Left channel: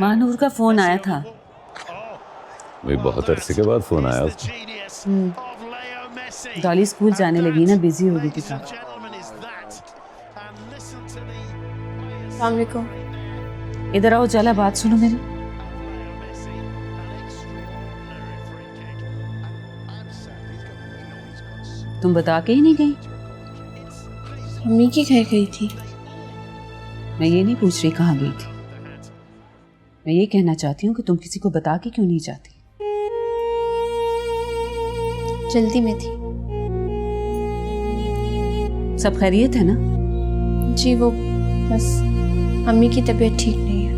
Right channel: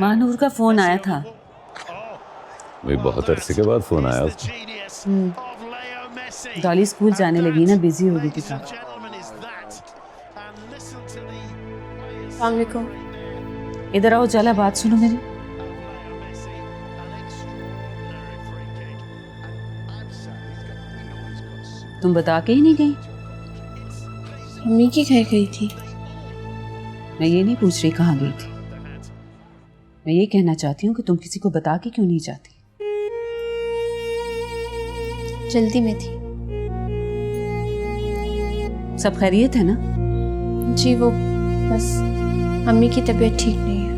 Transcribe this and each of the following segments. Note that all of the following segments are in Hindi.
महानूर का फोन आया था। भाई बहुत अरसे के बाद फोन आया उसका। डॉली स्कूल जाने लगी ना, बिजी हो गई थी काफी। अस्सलाम वालेकुम। इधर आओ, चला बात सुनो मेरी। तुम बता के ही नहीं गई। मम्मी के घर गई थी। मैं ये नहीं पूछ रही कहाँ गई थी, मैं ये कहना चाहती हूँ कि तुम किसी को बता के क्यों नहीं जाती। जल्दी में थी। सब खैरियत है ना? जी वो बस मम्मी की तबीयत ठीक नहीं है।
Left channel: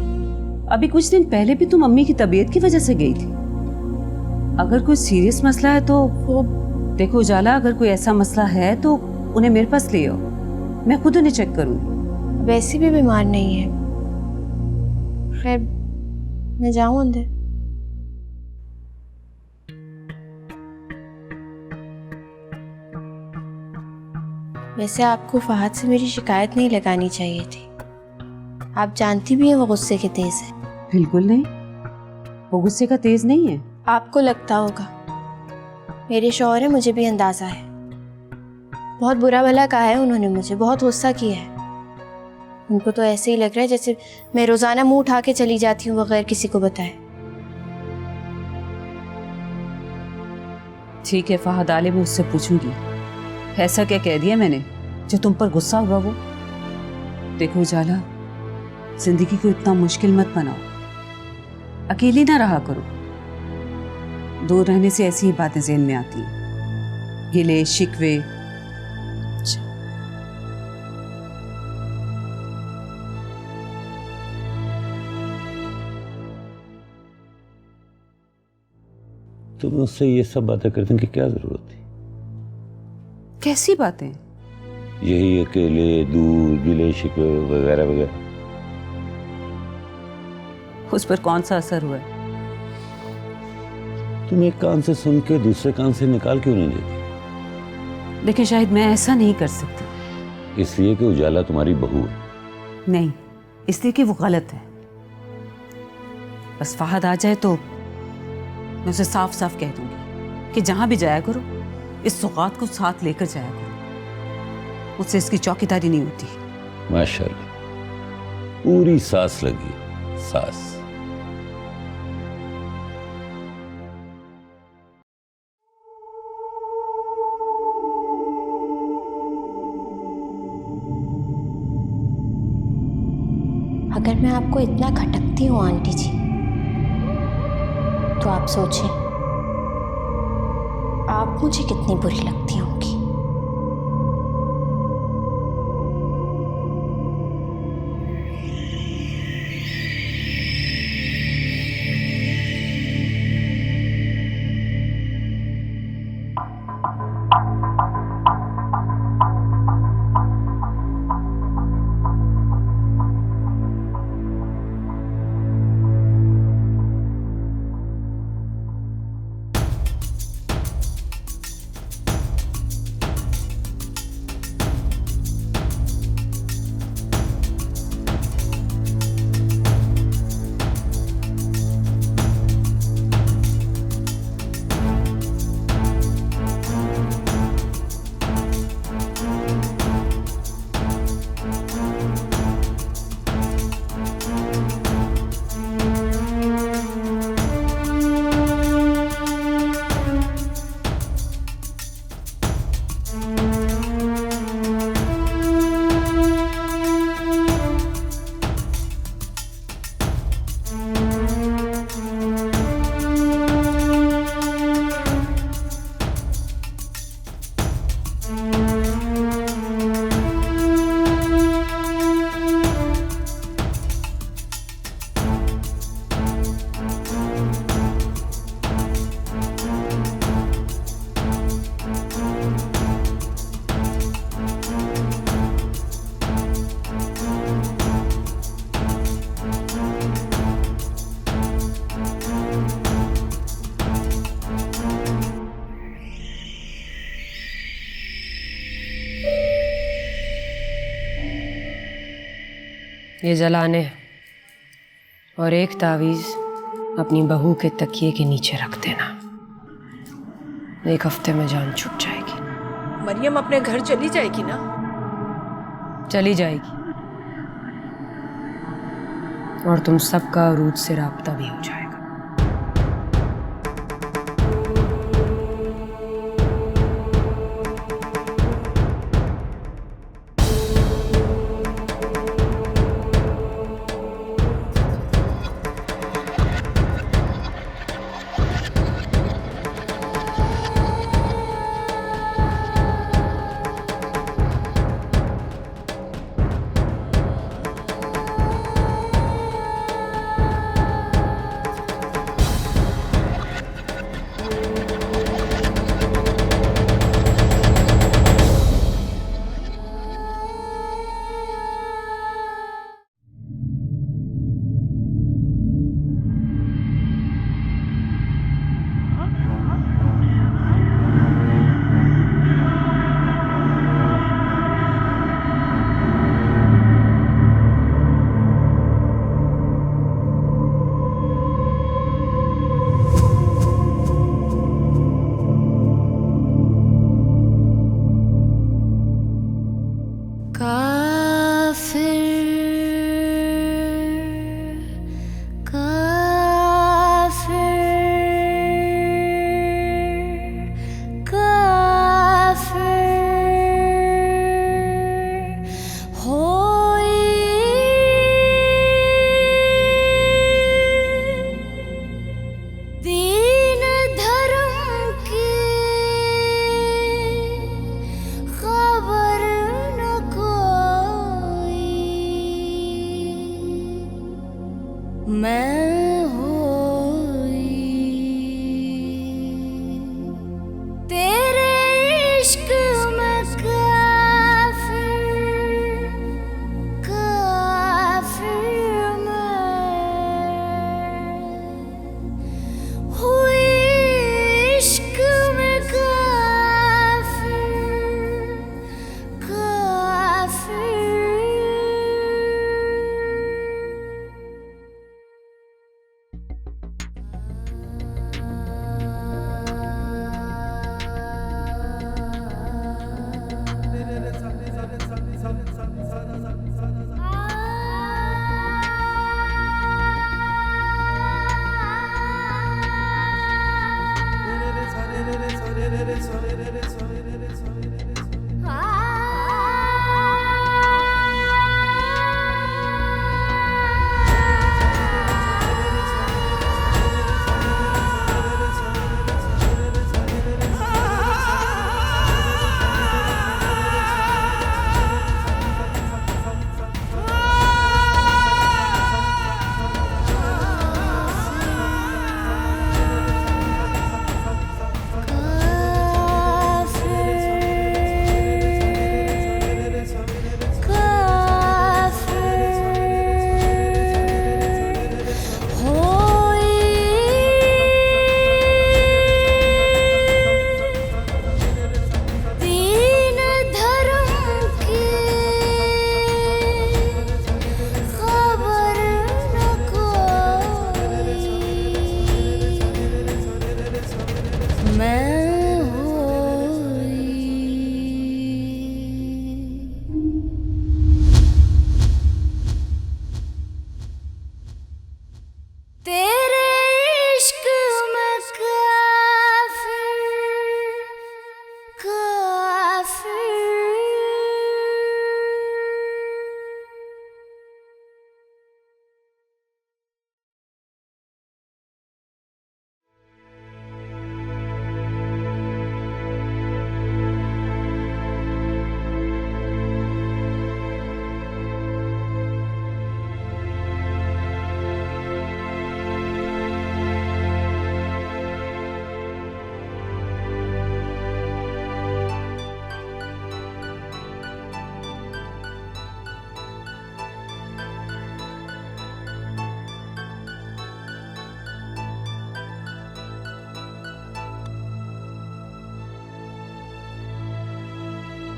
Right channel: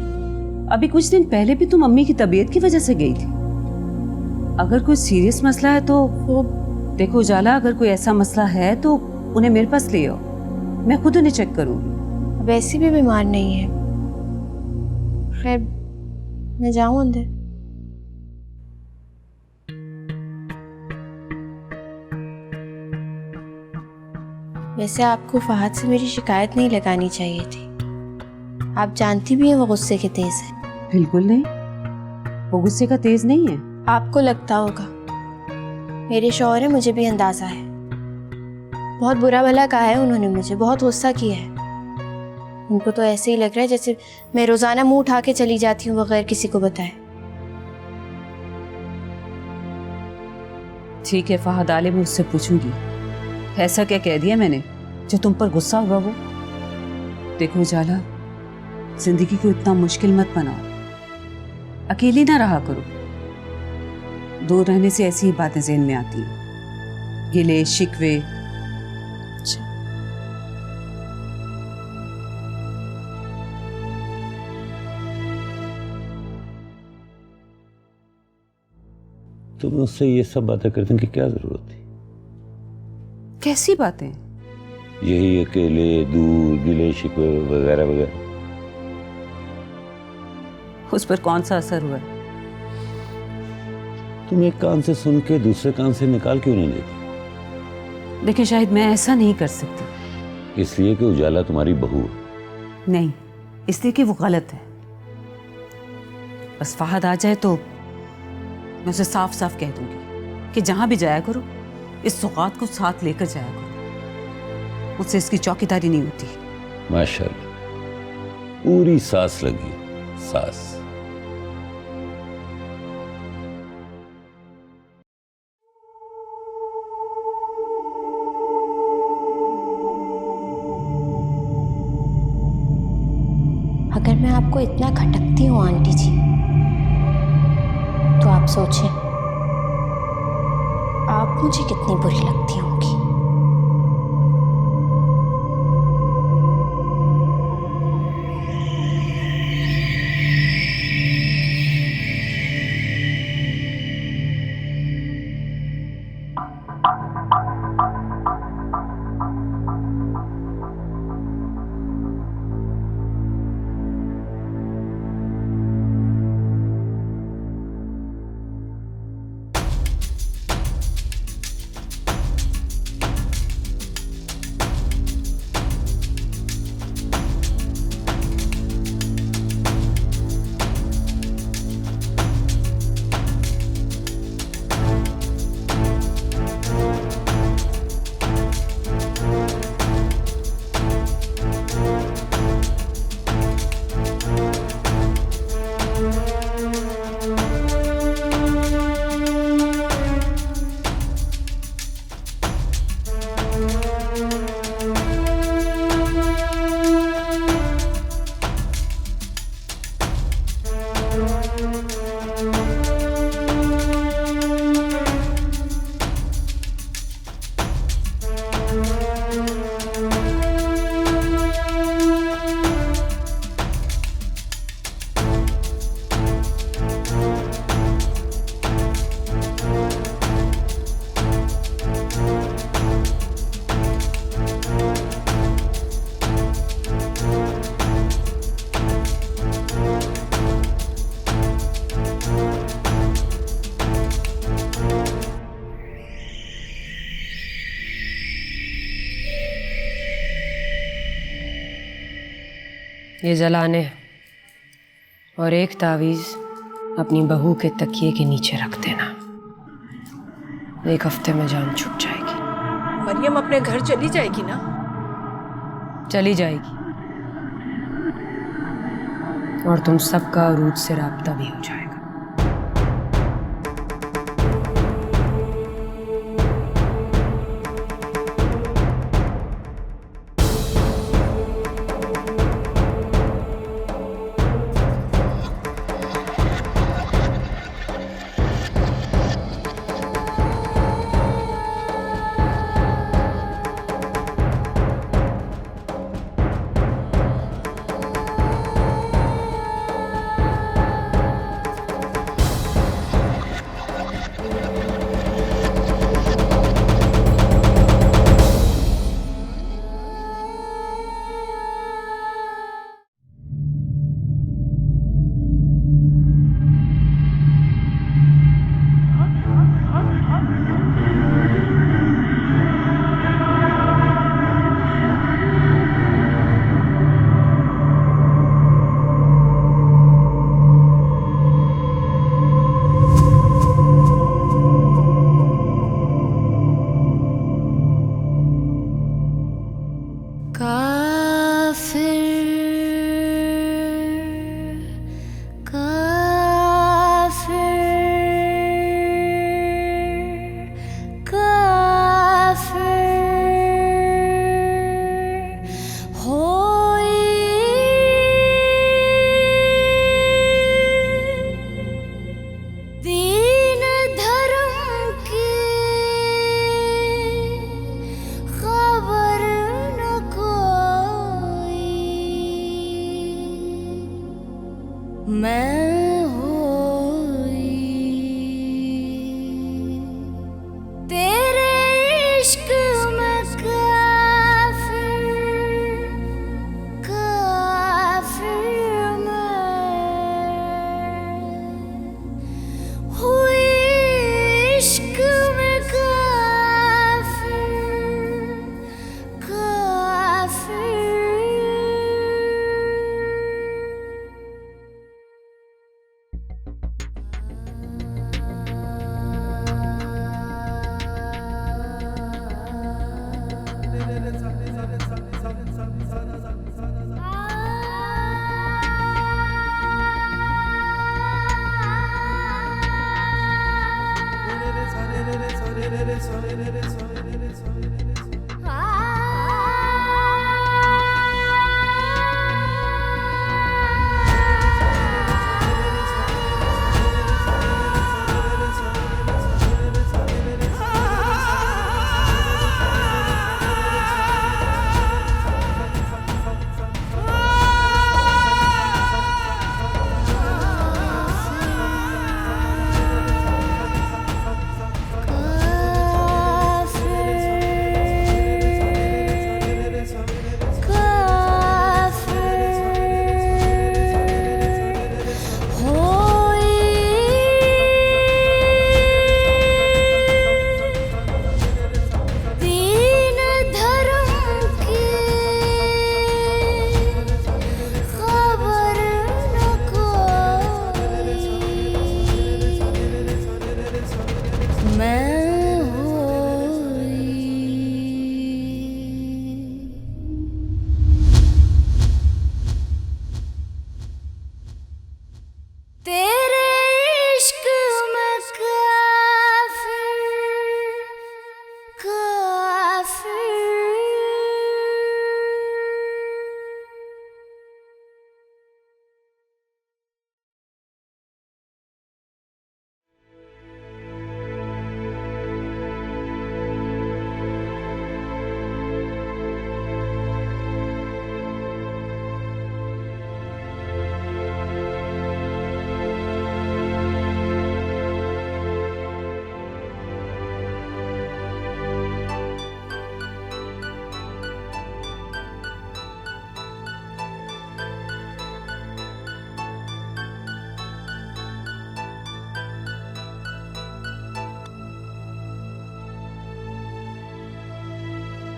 अभी कुछ दिन पहले भी तुम मम्मी की तबीयत की वजह से गई थी। अगर कोई सीरियस मसला है तो वो देखो उजाला, अगर कोई ऐसा मसला है तो उन्हें मेरे पास ले आओ, मैं खुद उन्हें चेक करूंगी। वैसे भी बीमार नहीं है। खैर मैं जाऊं अंदर? वैसे आपको फहद से मेरी शिकायत नहीं लगानी चाहिए थी। आप जानती भी हैं वो गुस्से के तेज है। बिल्कुल नहीं, वो गुस्से का तेज नहीं है। आपको लगता होगा, मेरे शौहर है, मुझे भी अंदाजा है। बहुत बुरा भला कहा है उन्होंने मुझे, बहुत गुस्सा किया है। उनको तो ऐसे ही लग रहा है जैसे मैं रोजाना मुंह उठा के चली जाती हूँ बगैर किसी को बताए। ठीक है फहद आले, मैं उससे पूछूंगी ऐसा क्या कह दिया मैंने जो तुम पर गुस्सा होगा वो। देखो उजाला, जिंदगी को इतना मुश्किल मत बनाओ, अकेली ना रहा करो। दूर रहने से ऐसी ही बातें ज़हन में आती हैं, गिले शिकवे। तुम उससे ये सब बातें करने की क्या जरूरत थी? कैसी बातें? यही अकेले, दूर, गिले शिकवे वगैरह वगैरह। उस पर कौन सा असर हुआ है? तुम एक कान से सुन के दूसरे कान से निकाल क्यों नहीं देती? देखिए शायद मैं ऐसा नहीं कर सकती। इसलिए कि उजाला तुम्हारी बहू है। नहीं, इसलिए कि वो गलत है। बस फहद आ जाए तो मैं उसे साफ साफ कह दूंगी कि जहां भी जाया करो इस सौगात को साथ लेकर जाया करो, मुझसे इसकी चौकीदारी नहीं होती। माशाल्लाह, पूरी सांस लगी, सांस। अगर मैं आपको इतना खटकती हूँ आंटी जी, तो आप सोचें आप मुझे कितनी बुरी लगती होंगी। ये जलाने हैं और एक तावीज अपनी बहू के तकिए के नीचे रख देना। 1 हफ्ते में जान छूट जाएगी। मरियम अपने घर चली जाएगी ना? चली जाएगी और तुम सबका अरूज से राब्ता भी हो जाएगा। मैं होई तेरे इश्क में काफिर मैं हुई इश्क में काफिर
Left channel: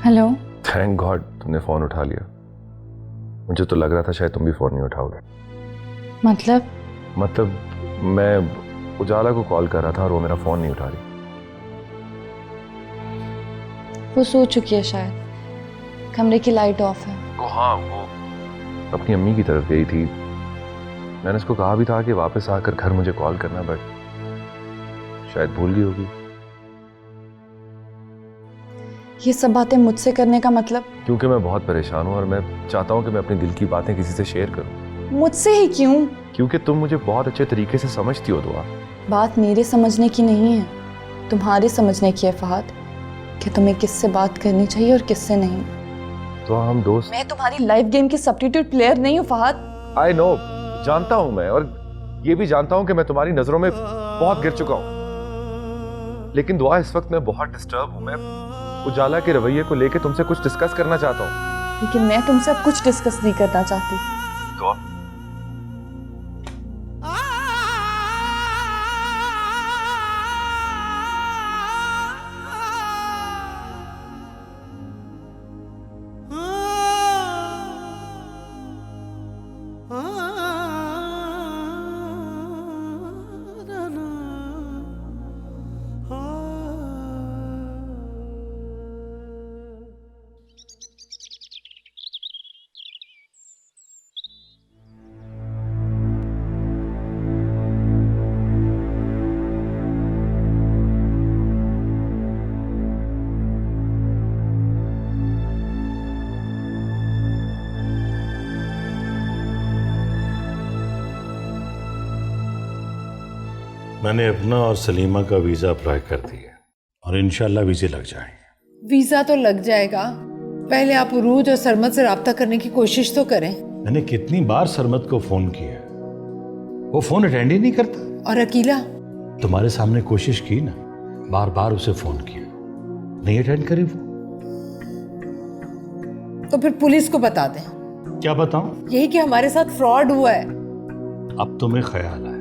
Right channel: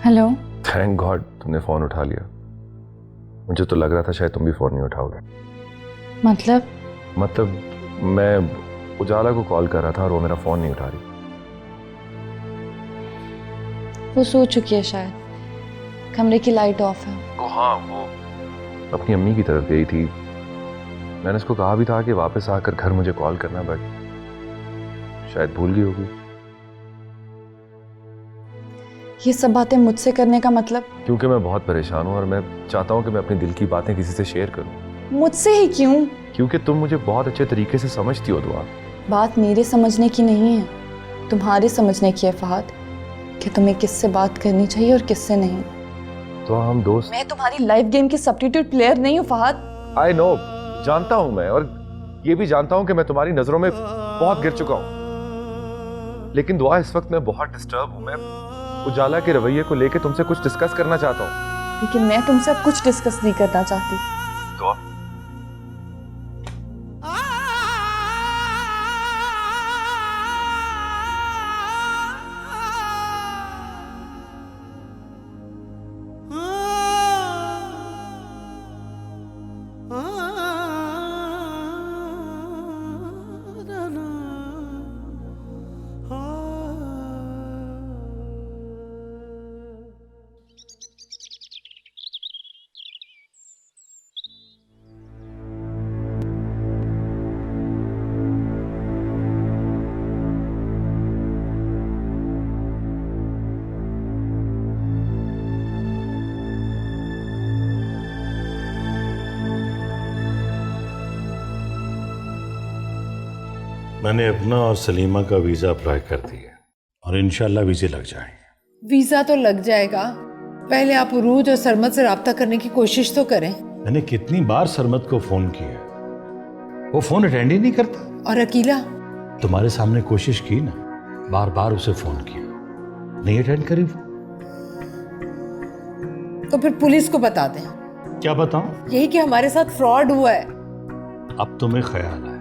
हेलो। थैंक गॉड तुमने फोन उठा लिया। मुझे तो लग रहा था शायद तुम भी फोन नहीं उठाओगे। मतलब मैं उजाला को कॉल कर रहा था और वो मेरा फोन नहीं उठा रही। वो सो चुकी है शायद, कमरे की लाइट ऑफ है। ओ हाँ, वो अपनी अम्मी की तरफ गई थी। मैंने उसको कहा भी था कि वापस आकर घर मुझे कॉल करना, बट शायद भूल गई होगी। ये सब बातें मुझसे करने का मतलब? क्योंकि मैं बहुत परेशान हूँ और मैं चाहता हूँ कि मैं अपनी दिल की बातें किसी से शेयर करूँ। मुझसे ही क्यों? क्योंकि तुम मुझे बहुत अच्छे तरीके से समझती हो दुआ। बात मेरे समझने की नहीं है, तुम्हारे समझने की है फहद, कि तुम्हें किससे बात करनी चाहिए और किससे नहीं। तो हम दोस्त। मैं तुम्हारी लाइफ गेम की सब्स्टिट्यूट प्लेयर नहीं हूँ फहद। आई नो, जानता हूँ मैं, और ये भी जानता हूँ कि मैं तुम्हारी नजरों में बहुत गिर चुका हूँ। लेकिन दुआ, इस वक्त मैं बहुत डिस्टर्ब हूँ। मैं उजाला के रवैये को लेकर तुमसे कुछ डिस्कस करना चाहता हूँ। लेकिन मैं तुमसे अब कुछ डिस्कस नहीं करना चाहती। दुआ, मैंने अपना और सलीमा का वीज़ा अप्लाई कर दिया और इंशाल्लाह वीज़े लग जाएंगे। वीजा तो लग जाएगा, पहले आप उरूज और सरमत से राब्ता करने की कोशिश तो करें। मैंने कितनी बार सरमत को फोन किया, वो फोन अटेंड ही नहीं करता। और अकीला? तुम्हारे सामने कोशिश की ना, बार बार उसे फोन किया, नहीं अटेंड करी वो। तो फिर पुलिस को बता दें। क्या बताऊं? यही कि हमारे साथ फ्रॉड हुआ है। अब तुम्हें ख्याल आया।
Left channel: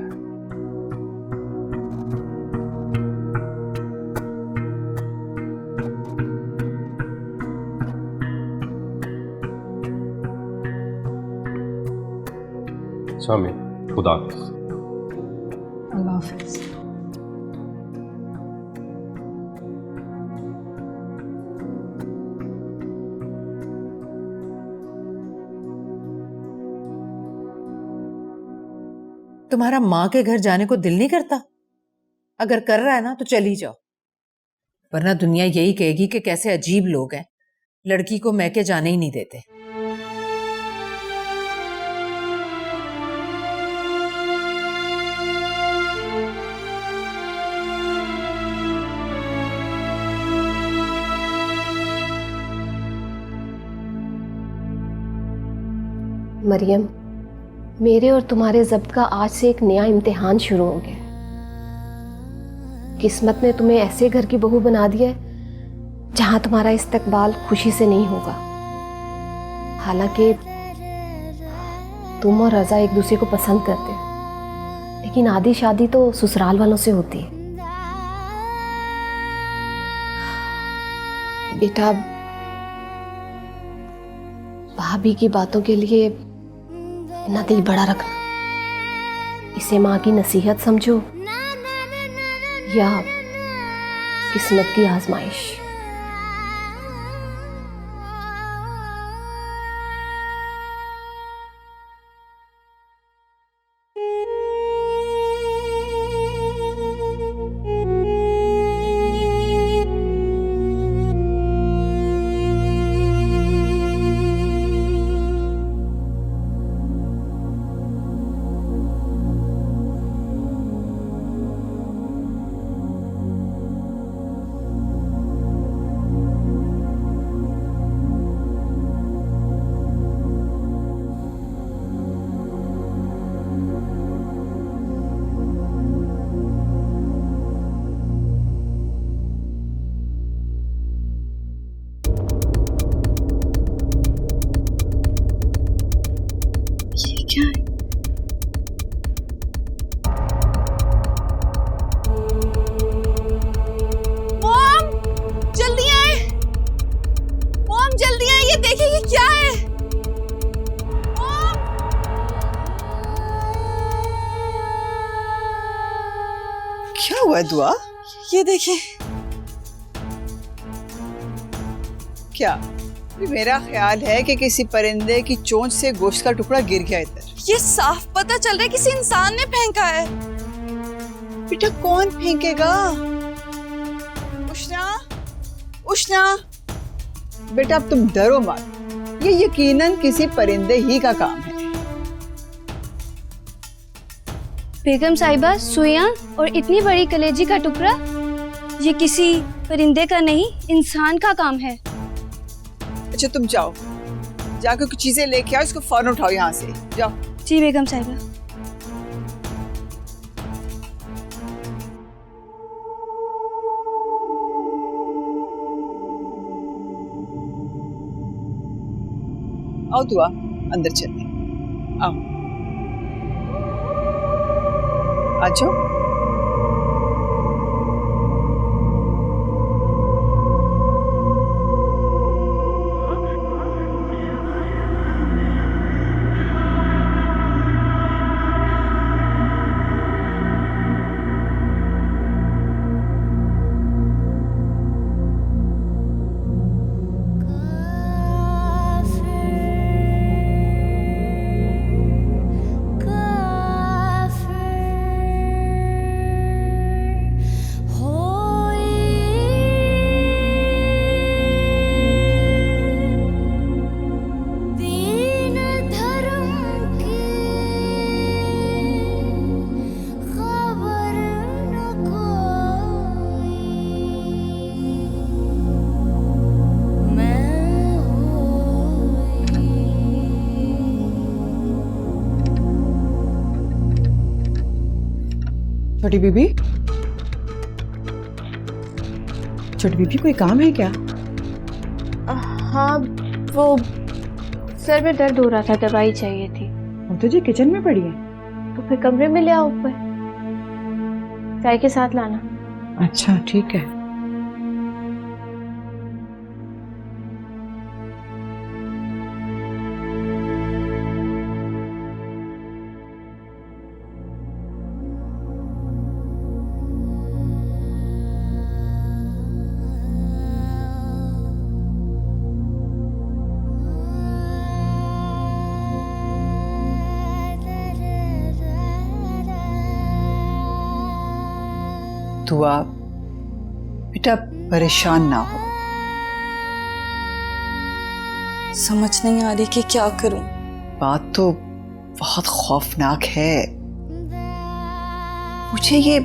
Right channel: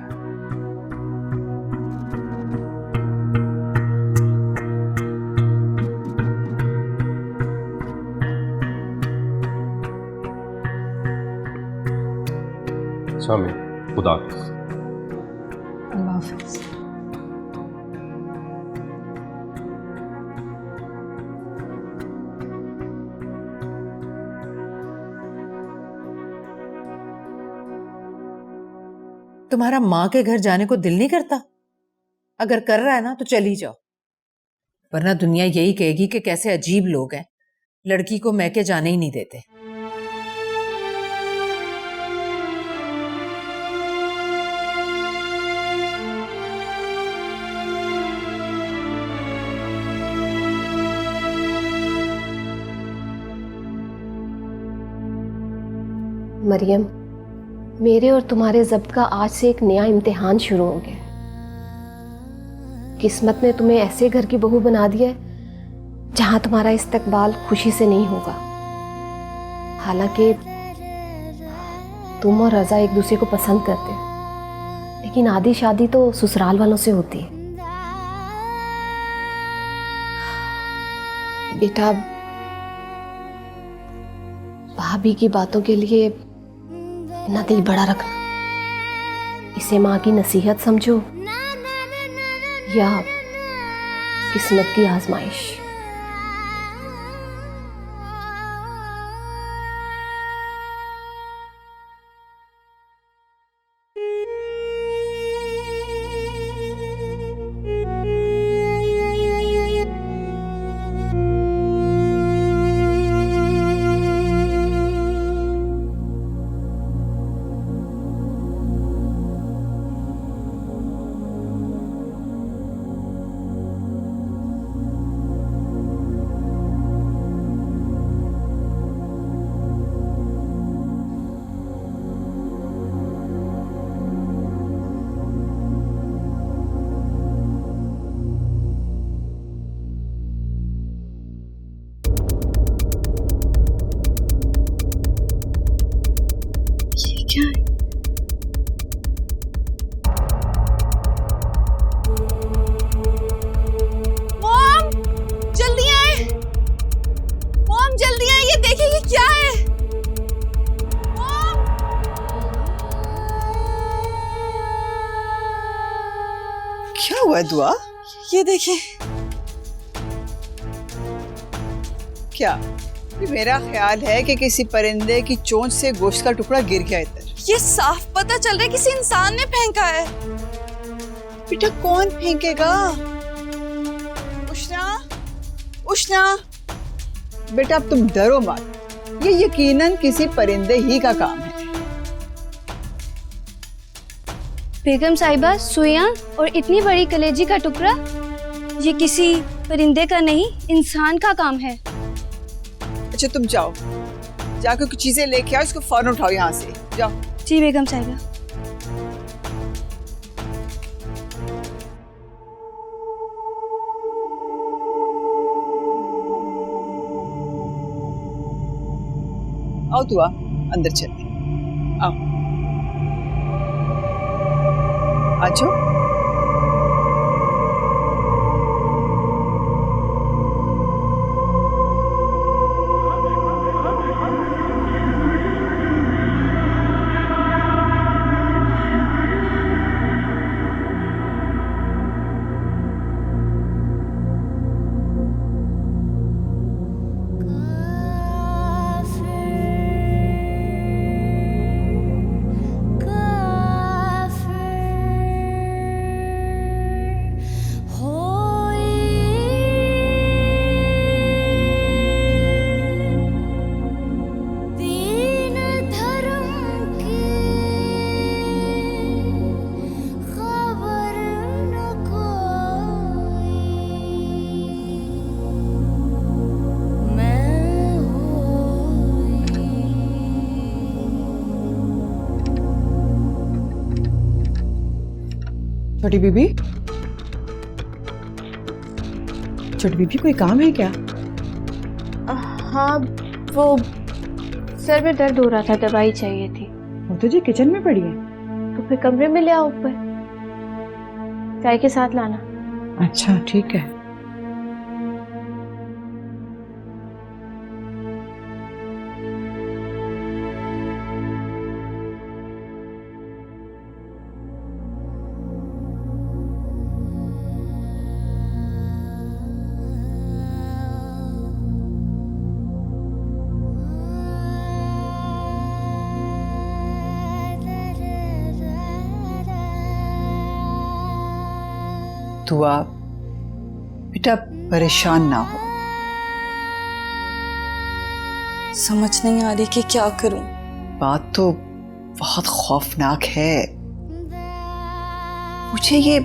शामी, खुदा हाफिज़। अल्लाह हाफिज़। तुम्हारा माँ के घर जाने को दिल नहीं करता? अगर कर रहा है ना तो चली जाओ, वरना दुनिया यही कहेगी कि कैसे अजीब लोग हैं, लड़की को मैके जाने ही नहीं देते। मरियम, मेरे और तुम्हारे ज़ब्त का आज से एक नया इम्तिहान शुरू हो गया। किस्मत ने तुम्हें ऐसे घर की बहू बना दिया है जहां तुम्हारा इस्तकबाल खुशी से नहीं होगा। हालांकि तुम और रज़ा एक दूसरे को पसंद करते हो, लेकिन आधी शादी तो ससुराल वालों से होती है। बेटा, भाभी की बातों के लिए ना दिल बड़ा रखना। इसे माँ की नसीहत समझो या किस्मत की आजमाइश। हुआ है दुआ? ये देखिए। क्या ये मेरा ख्याल है कि किसी परिंदे की चोंच से गोश्त का टुकड़ा गिर गया इधर? ये साफ पता चल रहा है किसी इंसान ने फेंका है। बेटा कौन फेंकेगा? उष्णा, उष्णा, बेटा अब तुम डरो मत, ये यकीनन किसी परिंदे ही का काम है। बेगम साहिबा, सुइयां और इतनी बड़ी कलेजी का टुकड़ा, ये किसी परिंदे का नहीं, इंसान का काम है। अच्छा तुम जाओ, जाकर कुछ चीजें लेके आओ, इसको फौरन उठाओ यहाँ से, जाओ। जी बेगम साहिबा। आओ दुआ, अंदर चलते, आओ, आ जाओ। छोटी बीबी, छोटी बीबी कोई काम है क्या? हाँ, वो सर में दर्द हो रहा था, दवाई चाहिए थी। वो तुझे किचन में पड़ी है? तो फिर कमरे में ले आओ ऊपर, चाय के साथ लाना। अच्छा ठीक है। दुआ, बेटा परेशान ना हो। समझ नहीं आ रही कि क्या करूं। बात तो बहुत खौफनाक है। मुझे ये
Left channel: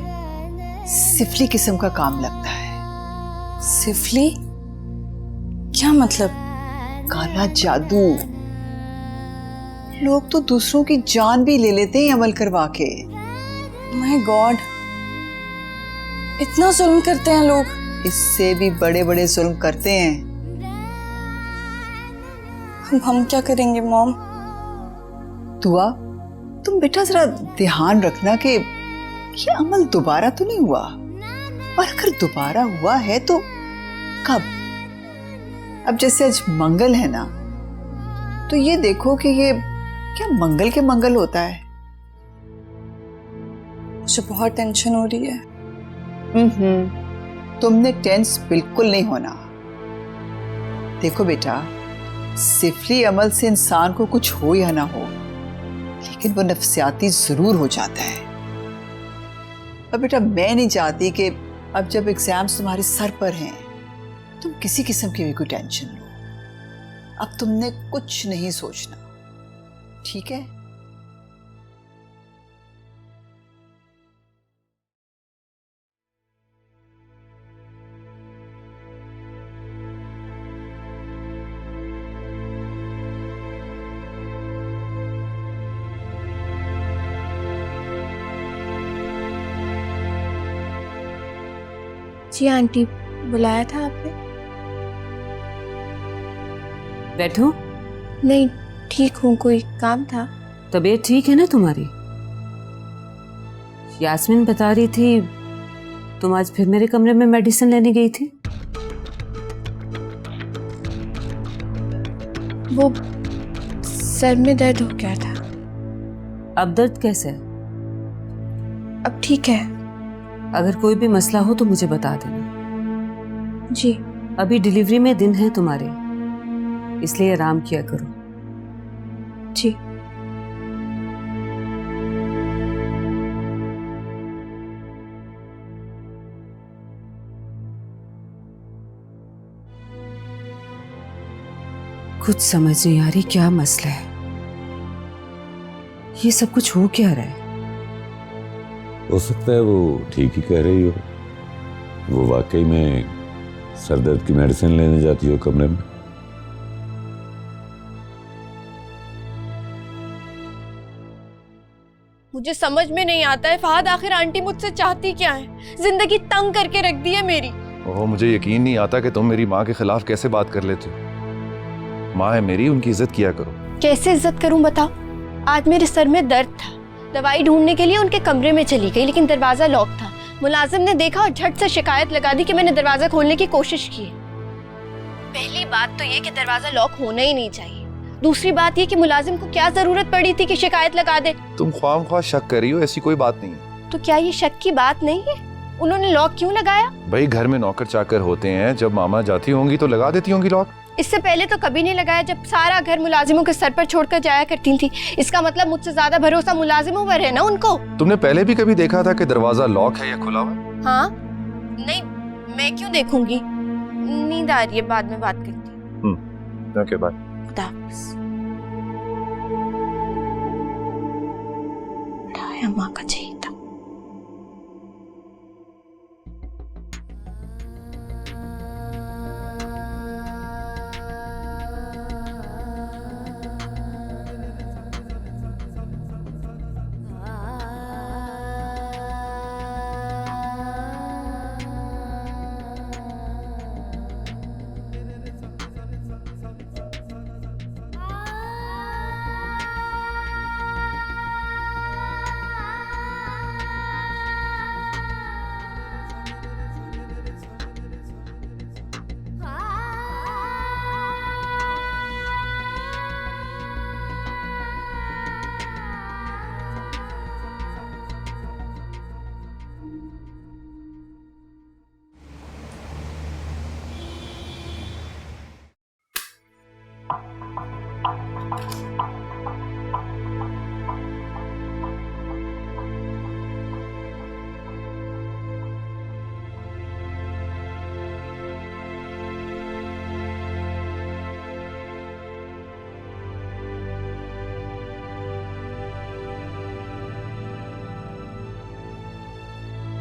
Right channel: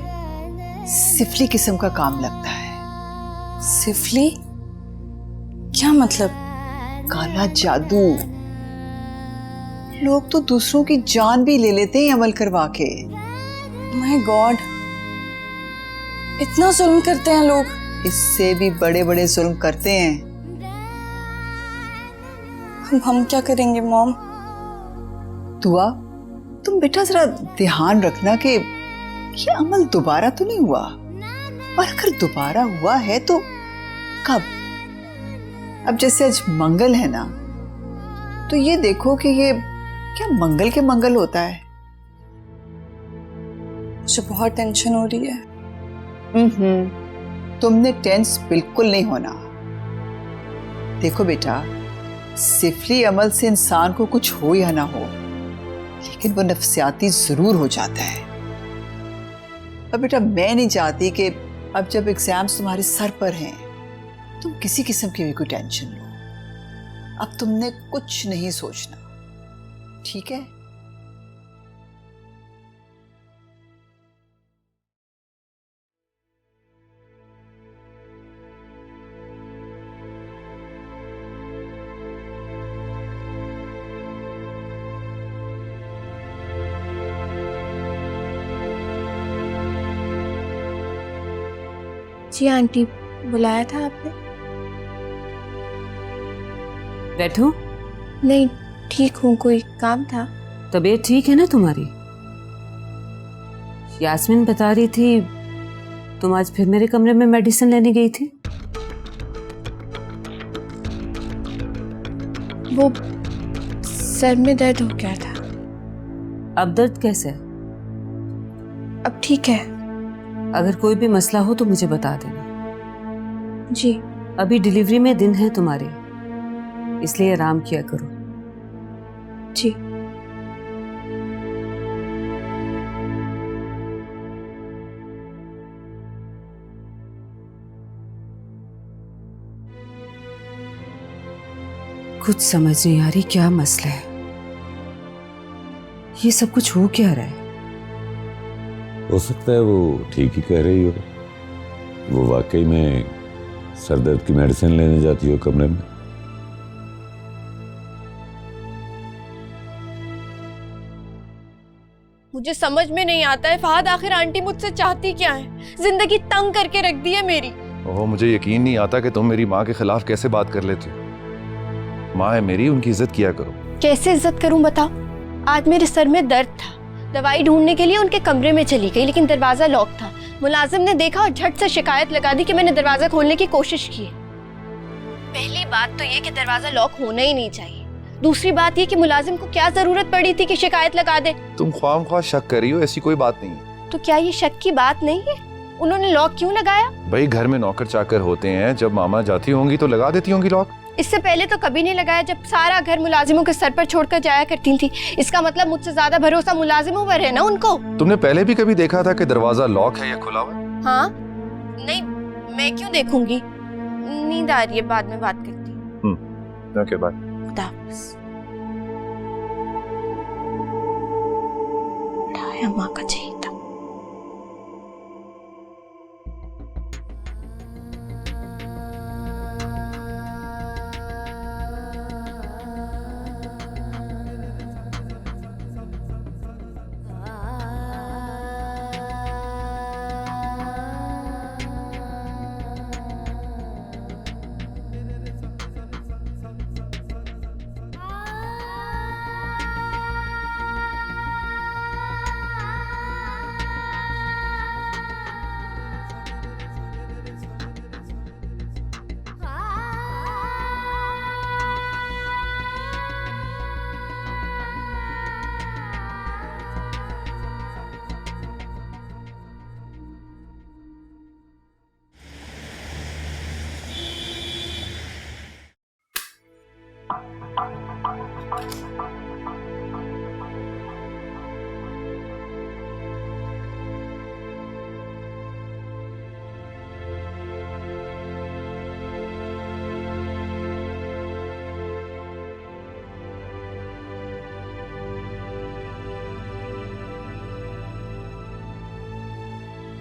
सिफली किस्म का काम लगता है। सिफली? क्या मतलब? काला जादू। लोग तो दूसरों की जान भी ले लेते हैं अमल करवा के। माय गॉड, इतना जुल्म करते हैं लोग। इससे भी बड़े बड़े जुल्म करते हैं। हम क्या करेंगे मॉम? दुआ, तुम बेटा जरा ध्यान रखना कि ये अमल दोबारा तो नहीं हुआ, और अगर दोबारा हुआ है तो कब? अब जैसे आज मंगल है ना, तो ये देखो कि ये क्या मंगल के मंगल होता है। मुझे बहुत टेंशन हो रही है। तुमने टेंस बिल्कुल नहीं होना। देखो बेटा, सिफली अमल से इंसान को कुछ हो या ना हो, लेकिन वो नफसियाती जरूर हो जाता है। अब बेटा मैं नहीं चाहती कि अब जब एग्जाम्स तुम्हारे सर पर हैं तुम किसी किस्म की भी कोई टेंशन लो। अब तुमने कुछ नहीं सोचना, ठीक है? जी आंटी, बुलाया था आपने? बैठो। नहीं, ठीक हूँ, कोई काम था? तबीयत ठीक है ना तुम्हारी? यास्मीन बता रही थी तुम आज फिर मेरे कमरे में मेडिसिन लेने गई थी। वो सर में दर्द हो गया था। अब दर्द कैसे है? अब ठीक है। अगर कोई भी मसला हो तो मुझे बता देना। जी। अभी डिलीवरी में दिन है तुम्हारे, इसलिए आराम किया करो। जी। कुछ समझ नहीं आ रही क्या मसला है, ये सब कुछ हो क्या रहा है। हो सकता है वो ठीक ही कह रही हो, वो वाकई में सर दर्द की मेडिसिन लेने जाती हो कमरे में। मुझे समझ में नहीं आता है फहद, आखिर आंटी मुझसे चाहती क्या है? जिंदगी तंग करके रख दी है मेरी। ओह, मुझे यकीन नहीं आता कि तुम मेरी माँ के खिलाफ कैसे बात कर लेते हो। माँ है मेरी, उनकी इज्जत किया करो। कैसे इज्जत करूं बताओ? आज मेरे सर में दर्द था, दवाई ढूंढने के लिए उनके कमरे में चली गई, लेकिन दरवाजा लॉक था। मुलाजिम ने देखा और झट से शिकायत लगा दी कि मैंने दरवाजा खोलने की कोशिश की है। पहली बात तो ये कि दरवाजा लॉक होना ही नहीं चाहिए। दूसरी बात ये कि मुलाजिम को क्या जरूरत पड़ी थी कि शिकायत लगा दे? तुम ख्वाम शक कर रही हो, ऐसी कोई बात नहीं है। तो क्या ये शक की बात नहीं है? उन्होंने लॉक क्यों लगाया? भाई घर में नौकर चाकर होते हैं, जब मामा जाती होंगी तो लगा देती होंगी लॉक। इससे पहले तो कभी नहीं लगाया, जब सारा घर मुलाजिमों के सर पर छोड़कर जाया करती थी। इसका मतलब मुझसे ज्यादा भरोसा मुलाजिमों पर है ना उनको। तुमने पहले भी कभी देखा था कि दरवाजा लॉक है या खुला हुआ है? हाँ, नहीं, मैं क्यों देखूंगी? नींद आ रही है, बाद में बात करती। Okay bye. खुदा हाफिज़। उठाया माँ का चाहिए था।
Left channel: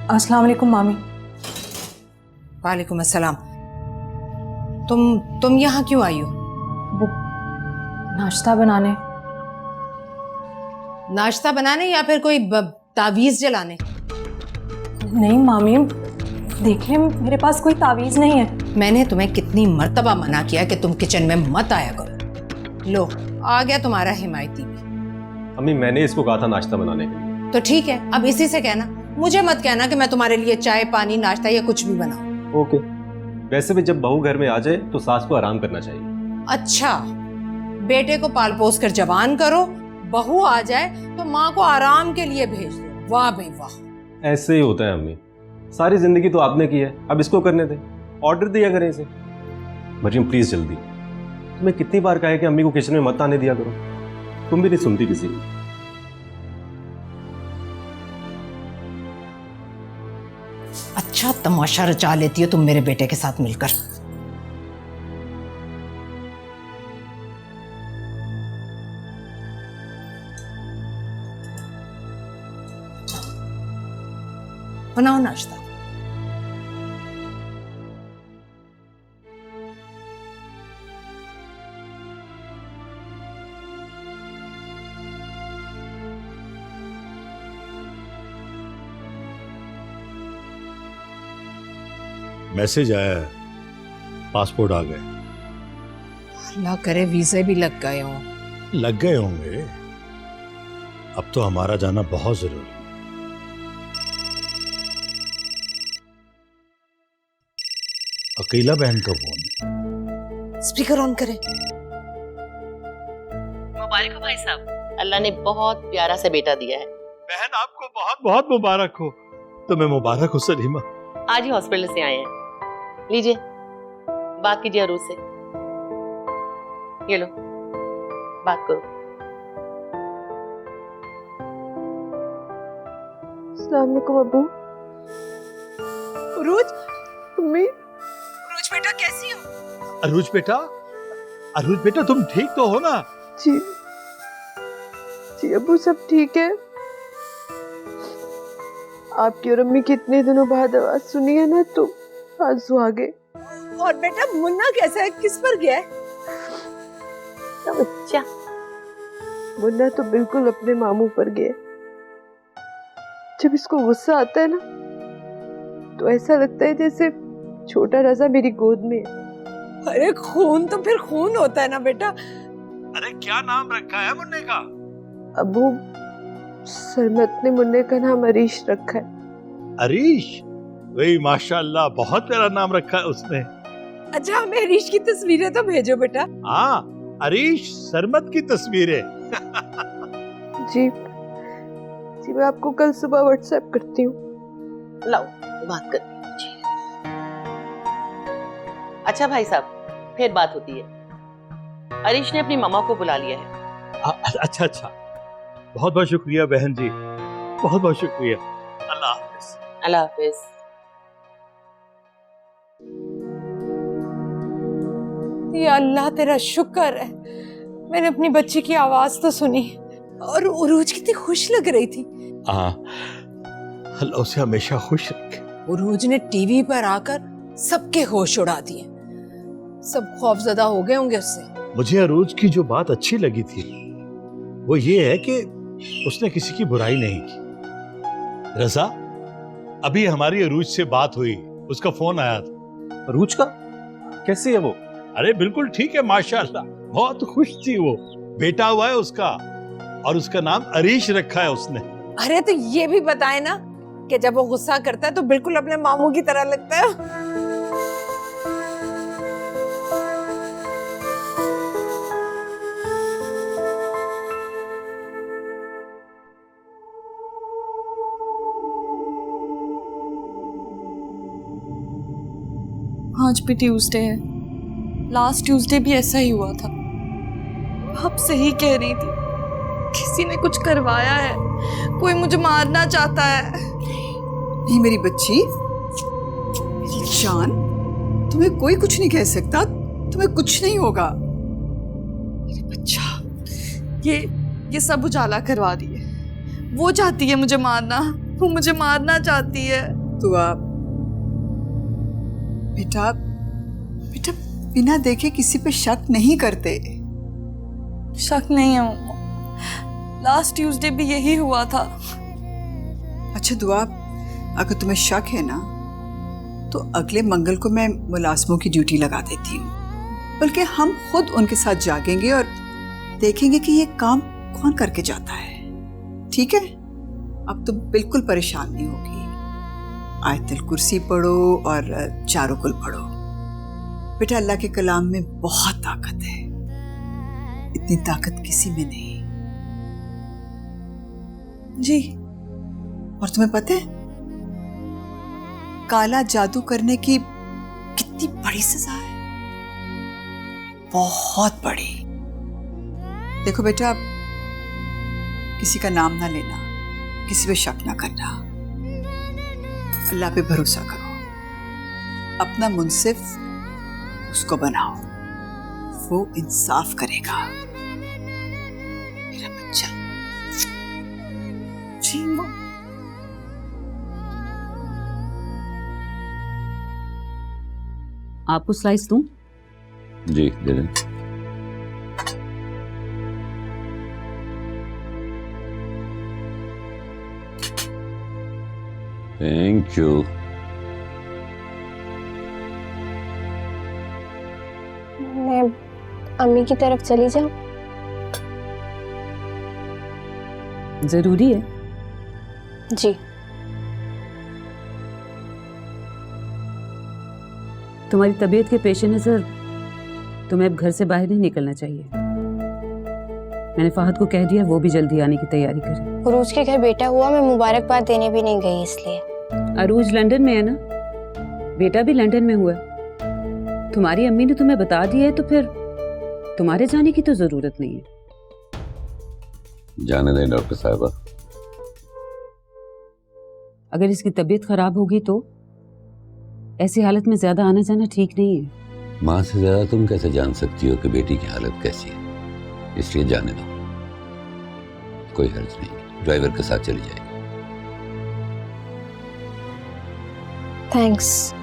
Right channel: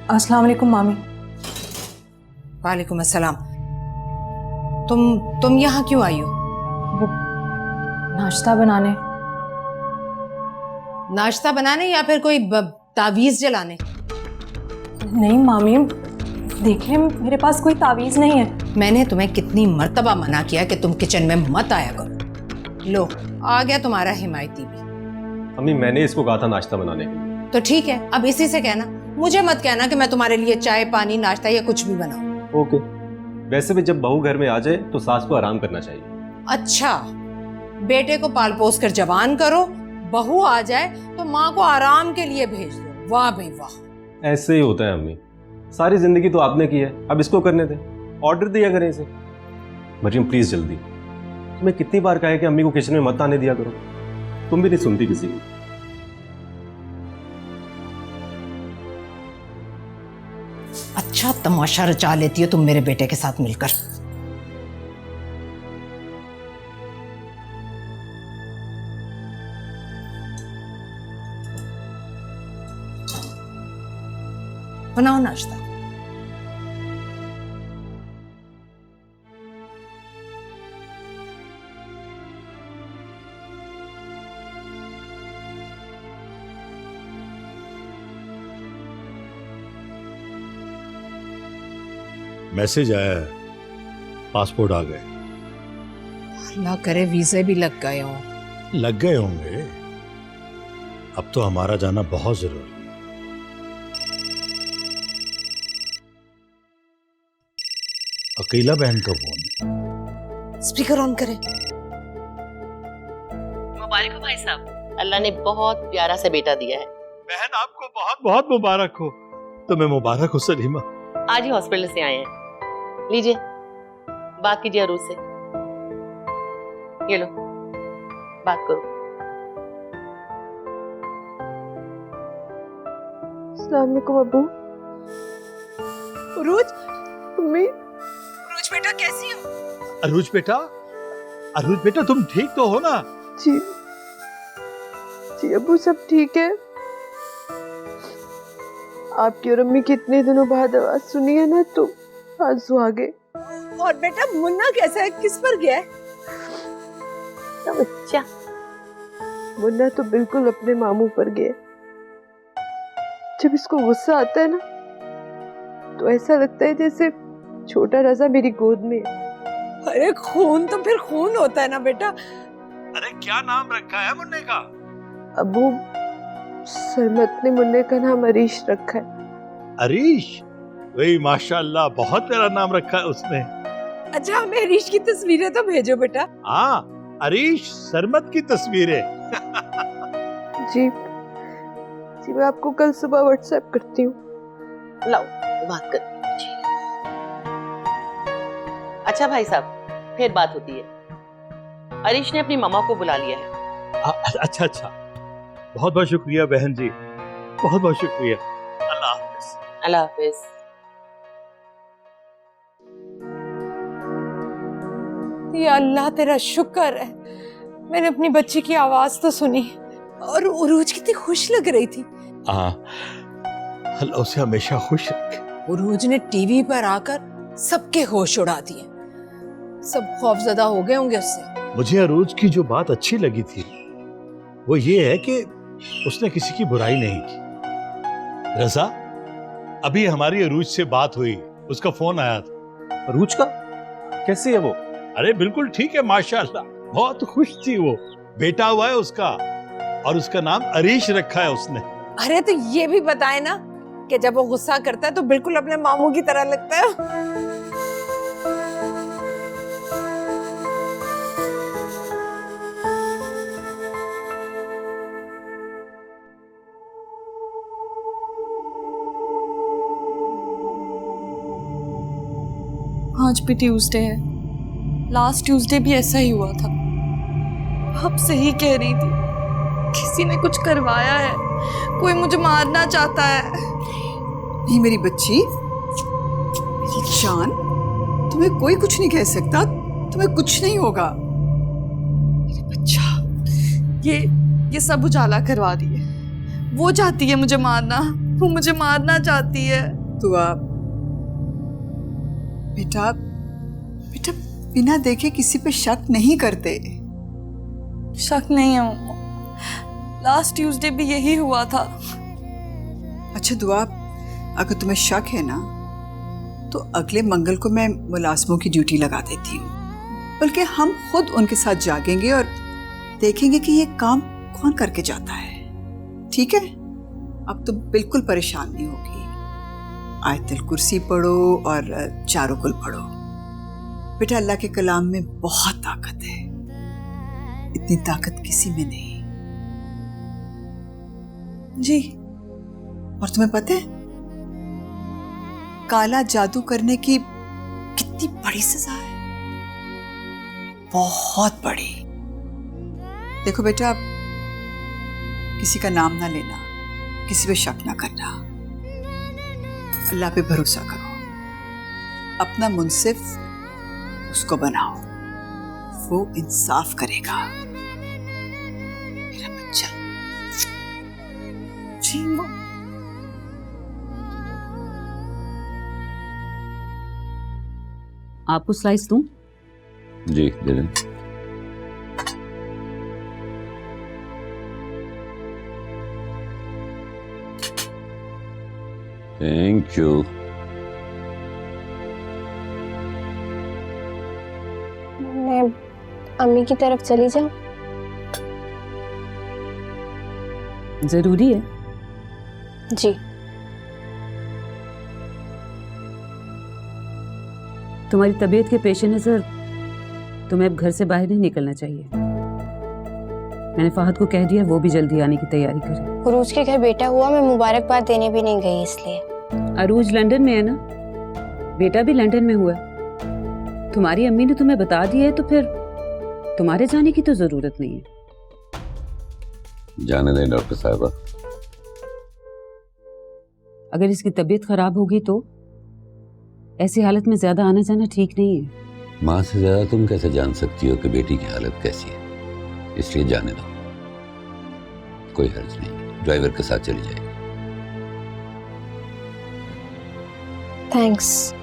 अस्सलाम वालेकुम मामी। वालेकुम अस्सलाम। तुम यहाँ क्यों आई हो? वो नाश्ता बनाने। नाश्ता बनाने या फिर कोई तावीज जलाने? नहीं मामी, देखिए मेरे पास कोई तावीज नहीं है। मैंने तुम्हें कितनी मर्तबा मना किया कि तुम किचन में मत आया करो। लो, आ गया तुम्हारा हिमायती भी। अम्मी, मैंने इसको कहा था नाश्ता बनाने के लिए। तो ठीक है, अब इसी से कहना, मुझे मत कहना कि मैं तुम्हारे लिए चाय पानी नाश्ता या कुछ भी बनाऊं। ओके। वैसे भी जब बहू घर में आ जाए तो सास को आराम करना चाहिए। अच्छा, बेटे को पाल पोस कर जवान करो, बहू आ जाए तो माँ को आराम के लिए भेज दो। वाह भाई वाह। ऐसे ही होता है अम्मी, सारी जिंदगी तो आपने की है, अब इसको करने दे। ऑर्डर दिया करें इसे। मरियम प्लीज जल्दी। तुम्हें कितनी बार कहा है कि अम्मी को किचन में मत आने दिया करो, तुम भी नहीं सुनती किसी की। अच्छा तमाशा रचा लेती हो तुम मेरे बेटे के साथ मिलकर। बनाओ नाश्ता। मैसेज आया है, पासपोर्ट आ गए। अल्लाह करे वीजे भी लग गए हों। लग गए होंगे, अब तो हमारा जाना बहुत जरूरी है। अकेला बहन का फोन। स्पीकर ऑन करें। मुबारक हो भाई साहब, अल्लाह ने बहुत प्यारा सा बेटा दिया है। बहन आपको बहुत बहुत मुबारक हो। तुम्हें मुबारक हो सलीमा। आज ही हॉस्पिटल से आए हैं। लीजिए, बात कीजिए अरूज से। ये लो, बात करो। अस्सलाम वालेकुम अब्बू। उरूज, मम्मी। उरूज बेटा कैसी हो? अरूज बेटा तुम ठीक तो हो ना? जी जी अब्बू, सब ठीक है। आपकी और अम्मी की इतने दिनों बाद आवाज सुनी है ना, तो आंसू आ गए। और बेटा मुन्ना कैसा है, किस पर गया है? बच्चा मुन्ना तो बिल्कुल अपने मामू पर गया। जब इसको गुस्सा आता है ना, तो ऐसा लगता है जैसे छोटा राजा मेरी गोद में है। अरे खून तो फिर खून होता है ना बेटा। अरे क्या नाम रखा है मुन्ने का? अबू, सरमत ने मुन्ने का नाम अरीश रखा है। अरीश? वही माशाल्लाह, बहुत प्यारा नाम रखा है उसने। अच्छा, हमें अरीश की तस्वीरें तो भेजो बेटा। हाँ, अरीश सरमत की तस्वीरें। जी जी, मैं आपको कल सुबह व्हाट्सएप करती हूँ। लाओ, बात कर। अच्छा भाई साहब, फिर बात होती है। अरीश ने अपनी मामा को बुला लिया है। अच्छा, बहुत बहुत शुक्रिया बहन जी, बहुत बहुत शुक्रिया। अल्लाह हाफिज। अल्लाह हाफिज। या अल्लाह तेरा शुक्र है, मैंने अपनी बच्ची की आवाज तो सुनी। और उरूज कितनी खुश लग रही थी। अल्लाह उसे हमेशा खुश रखे। उरूज ने टीवी पर आकर सबके होश उड़ा दिए। सब खौफजदा हो गए होंगे उससे। मुझे अरूज की जो बात अच्छी लगी थी वो ये है कि उसने किसी की बुराई नहीं की। रजा, अभी हमारी अरूज से बात हुई, उसका फोन आया था। अरूज का? कैसी है वो? अरे बिल्कुल ठीक है माशाल्लाह, बहुत खुश थी वो। बेटा हुआ है उसका, और उसका नाम अरीश रखा है उसने। अरे तो ये भी बताए ना कि जब वो गुस्सा करता है तो बिल्कुल अपने मामू की तरह लगता है। आज भी ट्यूसडे है। लास्ट ट्यूसडे भी ऐसा ही हुआ था। अब सही कह रही थी, किसी ने कुछ करवाया है, कोई मुझे मारना चाहता है। नहीं मेरी बच्ची, मेरी जान, तुम्हें कोई कुछ नहीं कह सकता, तुम्हें कुछ नहीं होगा। मेरे बच्चा, ये सब उजाला करवा दिए। वो चाहती है मुझे मारना, वो मुझे मारना चाहती है। तो आप बेटा बेटा बिना देखे किसी पे शक नहीं करते। शक नहीं है मम्मा, लास्ट ट्यूसडे भी यही हुआ था। अच्छा दुआ, अगर तुम्हें शक है ना तो अगले मंगल को मैं मुलाजमों की ड्यूटी लगा देती हूँ, बल्कि हम खुद उनके साथ जागेंगे और देखेंगे कि ये काम कौन करके जाता है। ठीक है? अब तुम बिल्कुल परेशान नहीं होगी। आयतुल कुर्सी पढ़ो और चारों कुल पढ़ो। बेटा अल्लाह के कलाम में बहुत ताकत है, इतनी ताकत किसी में नहीं। जी। और तुम्हें पता है काला जादू करने की कितनी बड़ी सजा है? बहुत बड़ी। देखो बेटा, किसी का नाम ना लेना, किसी पे शक ना करना, अल्लाह पे भरोसा करो, अपना मुंसिफ उसको बनाओ, वो इंसाफ करेगा। मेरा बच्चा। जी मां। आपको स्लाइस दूं? जी दे दें। Thank you. मैं अम्मी की तरफ चली जाऊं? जरूरी है? जी। तुम्हारी तबीयत के पेश नजर तुम्हें अब घर से बाहर नहीं निकलना चाहिए। मैंने फहद को कह दिया वो भी जल्दी आने की तैयारी करे। उरूज के घर बेटा हुआ, मैं मुबारकबाद देने भी नहीं गई इसलिए। अरूज लंदन में है ना, बेटा भी लंदन में हुआ है। तुम्हारी अम्मी ने तुम्हें बता दिया है तो फिर तुम्हारे जाने की तो जरूरत नहीं है। जाने दें डॉक्टर साहबा। अगर इसकी तबीयत खराब होगी तो ऐसी हालत में ज्यादा आना जाना ठीक नहीं है। माँ से ज्यादा तुम कैसे जान सकती हो कि बेटी की हालत कैसी है, इसलिए जाने दो, कोई हर्ज नहीं, ड्राइवर के साथ चली जाएगी। थैंक्स।